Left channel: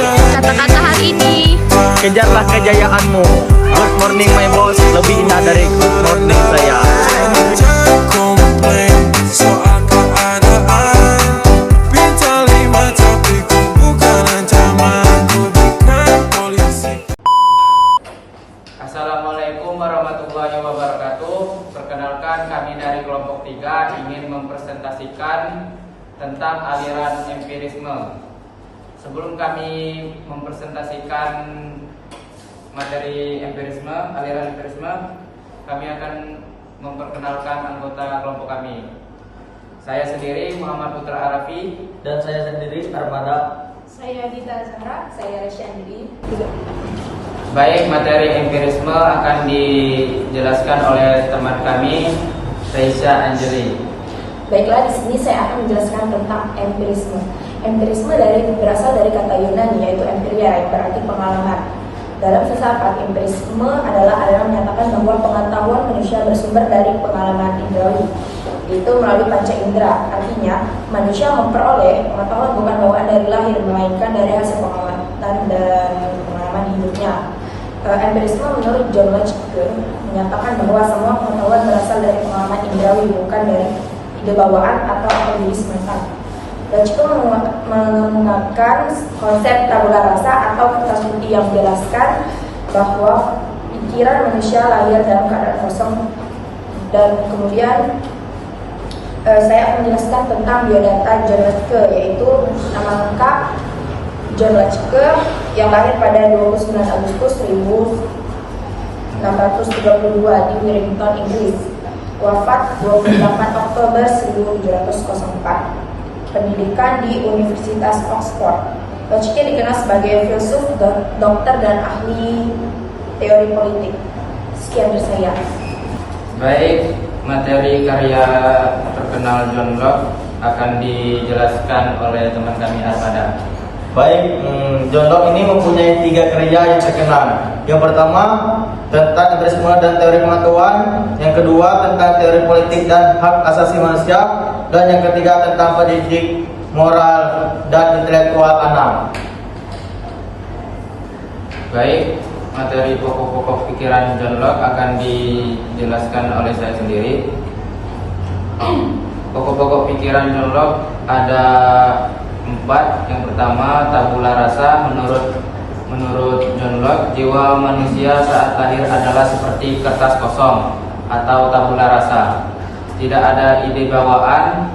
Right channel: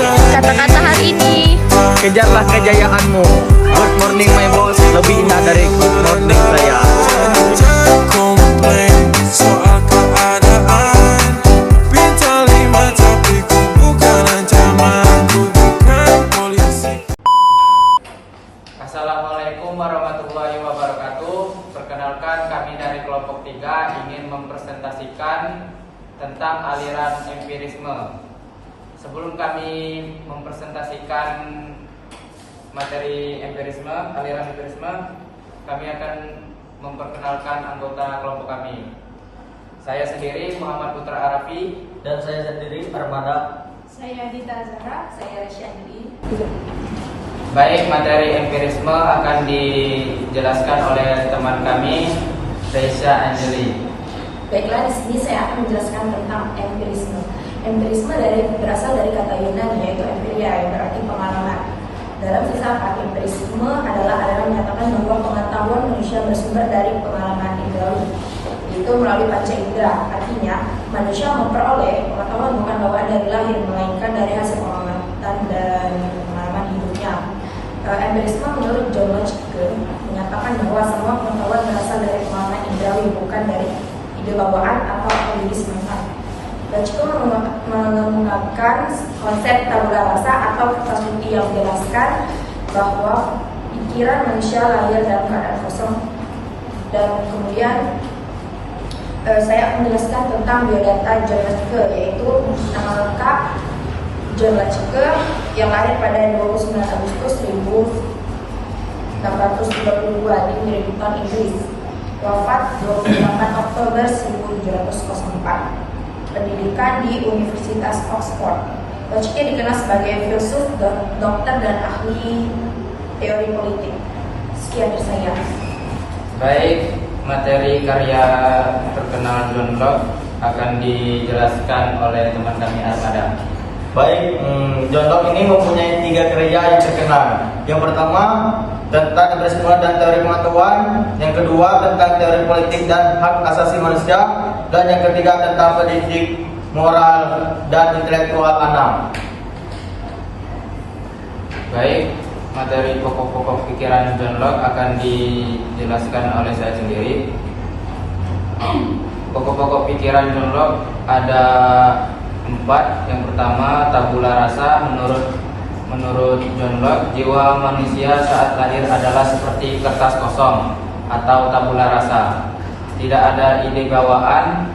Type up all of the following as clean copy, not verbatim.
Kata-kata hal ini. Kejarlah kejayaanmu. Good morning my boss, lebih indah dari good morning saya. Assalamualaikum warahmatullahi wabarakatuh. Perkenalkan, kami dari kelompok 3 ingin mempresentasikan tentang aliran empirisme. Sebelum kami mempresentasikan materi empirisme, aliran empirisme, kami akan memperkenalkan anggota kelompok kami. Saya sendiri Muhammad Putra Arafi. Dan saya sendiri Armada. Saya Dita Zahra. Saya Syahdi. Baik, materi empirisme akan dijelaskan oleh teman kami, Reisha Anjeli. Baiklah, di sini saya akan menjelaskan tentang empirisme. Empirisme berasal dari kata Yunani, yaitu empiria, yang berarti pengalaman. Dalam filsafat, empirisme adalah aliran menyatakan bahwa pengetahuan manusia bersumber dari pengalaman indrawi, yaitu melalui panca indera. Artinya, manusia memperoleh pengetahuan bukan bawaan dari lahir, melainkan dari hasil pengalaman dan pengalaman hidupnya. Empirisme menurut John Locke menyatakan bahwa semua pengetahuan berasal dari pengalaman indrawi, bukan dari ide bawaan atau empiris mental. Locke menggunakan konsep tabula rasa atau kertas putih yang menjelaskan bahwa pikiran manusia lahir dalam keadaan kosong. Dan kemudian saya akan menjelaskan tentang biodata John Locke, yaitu nama lengkap John Locke yang lahir pada 29 Agustus 1632 di Wellington, Inggris. Wafat 28 Oktober 1704. Pendidikan di Universitas Oxford. Locke dikenal sebagai filsuf, dokter, dan ahli teori politik. Sekian dari saya. Baik, materi karya terkenal John Locke akan dijelaskan oleh teman kami Armada. Baik, John Locke ini mempunyai 3 karya yang terkenal. Yang pertama tentang empirisme dan teori pengetahuan, yang kedua tentang teori politik dan hak asasi manusia, dan yang ketiga tentang pendidik, moral, dan intelektual anak. Baik, materi pokok-pokok pikiran John Locke akan dijelaskan oleh saya sendiri. Pokok-pokok pikiran John Locke ada 4. Yang pertama, tabula rasa. Menurut John Locke, jiwa manusia saat lahir adalah seperti kertas kosong atau tabula rasa. Tidak ada ide bawaan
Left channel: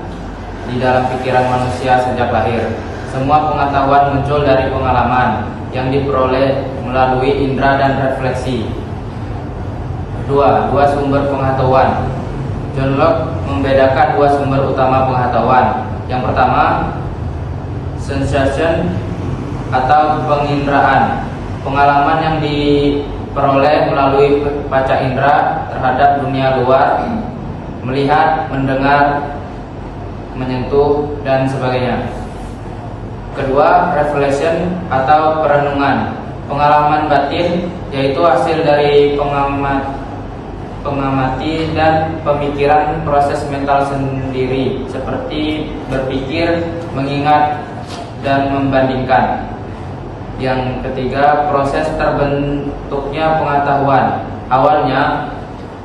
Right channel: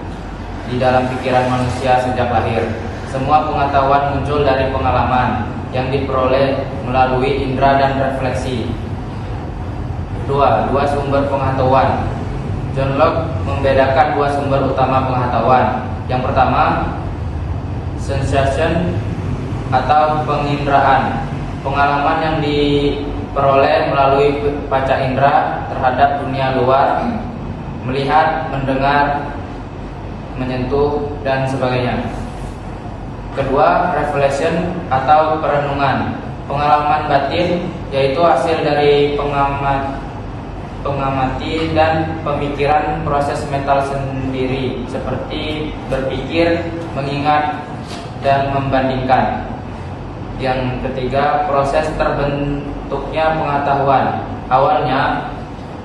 di dalam pikiran manusia sejak lahir. Semua pengetahuan muncul dari pengalaman yang diperoleh melalui indera dan refleksi. 2 sumber pengetahuan. John Locke membedakan 2 sumber utama pengetahuan. Yang pertama, sensation atau penginderaan, pengalaman yang diperoleh melalui panca indera terhadap dunia luar, melihat, mendengar, menyentuh, dan sebagainya. Kedua, reflection atau perenungan, pengalaman batin, yaitu hasil dari pengamati dan pemikiran proses mental sendiri, seperti berpikir, mengingat, dan membandingkan. Yang ketiga, proses terbentuknya pengetahuan. Awalnya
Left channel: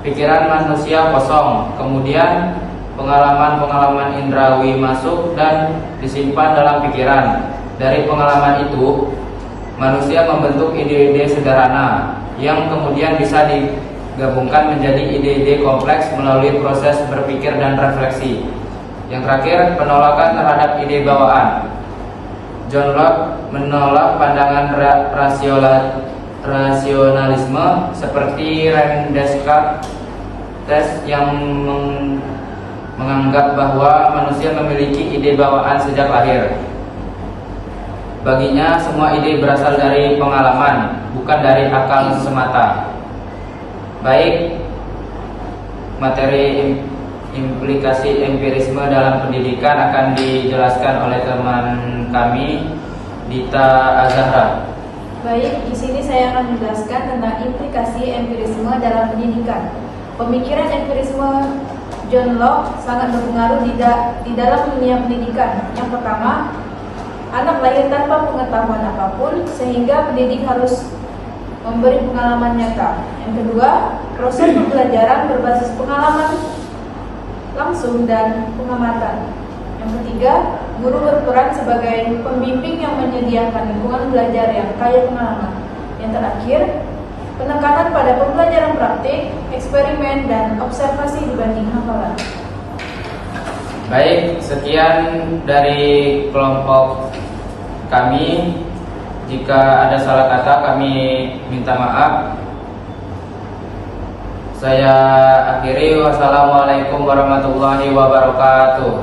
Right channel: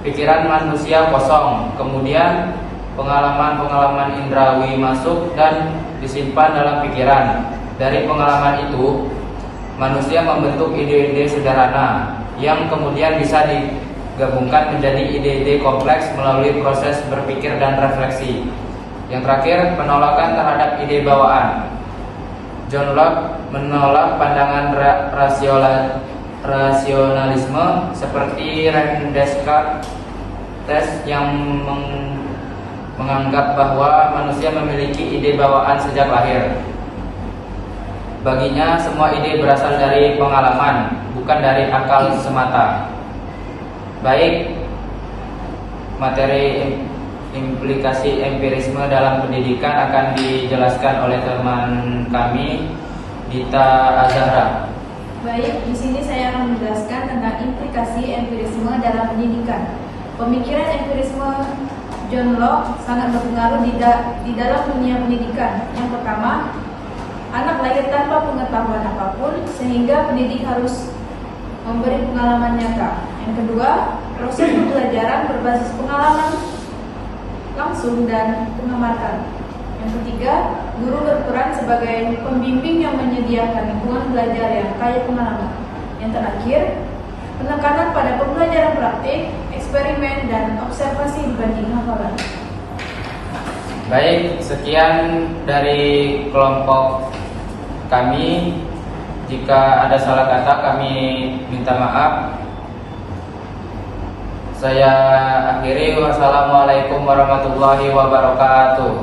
pikiran manusia kosong, kemudian pengalaman-pengalaman indrawi masuk dan disimpan dalam pikiran. Dari pengalaman itu, manusia membentuk ide-ide sederhana yang kemudian bisa digabungkan menjadi ide-ide kompleks melalui proses berpikir dan refleksi. Yang terakhir, penolakan terhadap ide bawaan. John Locke menolak pandangan rasionalisme seperti René Descartes yang menganggap bahwa manusia memiliki ide bawaan sejak lahir. Baginya semua ide berasal dari pengalaman, bukan dari akal semata. Baik, materi implikasi empirisme dalam pendidikan akan dijelaskan oleh teman kami, Dita Zahra. Baik, di sini saya akan menjelaskan tentang implikasi empirisme dalam pendidikan. Pemikiran empirisme John Locke sangat berpengaruh di dalam dunia pendidikan. Yang pertama, Anak lahir tanpa pengetahuan apapun, sehingga pendidik harus memberi pengalaman nyata. Yang kedua, proses pembelajaran berbasis pengalaman langsung dan pengamatan. Yang ketiga, guru berperan sebagai pembimbing yang menyediakan lingkungan belajar yang kaya pengalaman. Yang terakhir, penekanan pada pembelajaran praktik, eksperimen, dan observasi dibanding hafalan. Baik, sekian dari kelompok kami. Jika ada salah kata, kami minta maaf. Saya akhiri. Wassalamualaikum warahmatullahi wabarakatuh.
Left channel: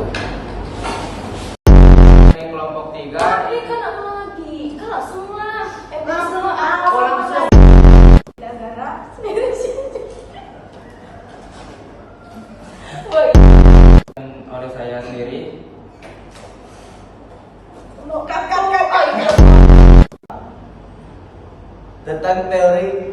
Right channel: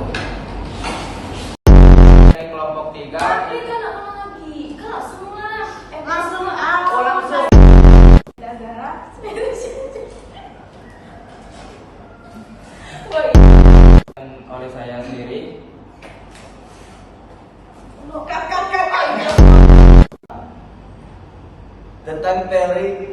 Kelompok 3. Tapi kan apa lagi? Kalau semua langsung Negara oleh saya sendiri. Tentang teori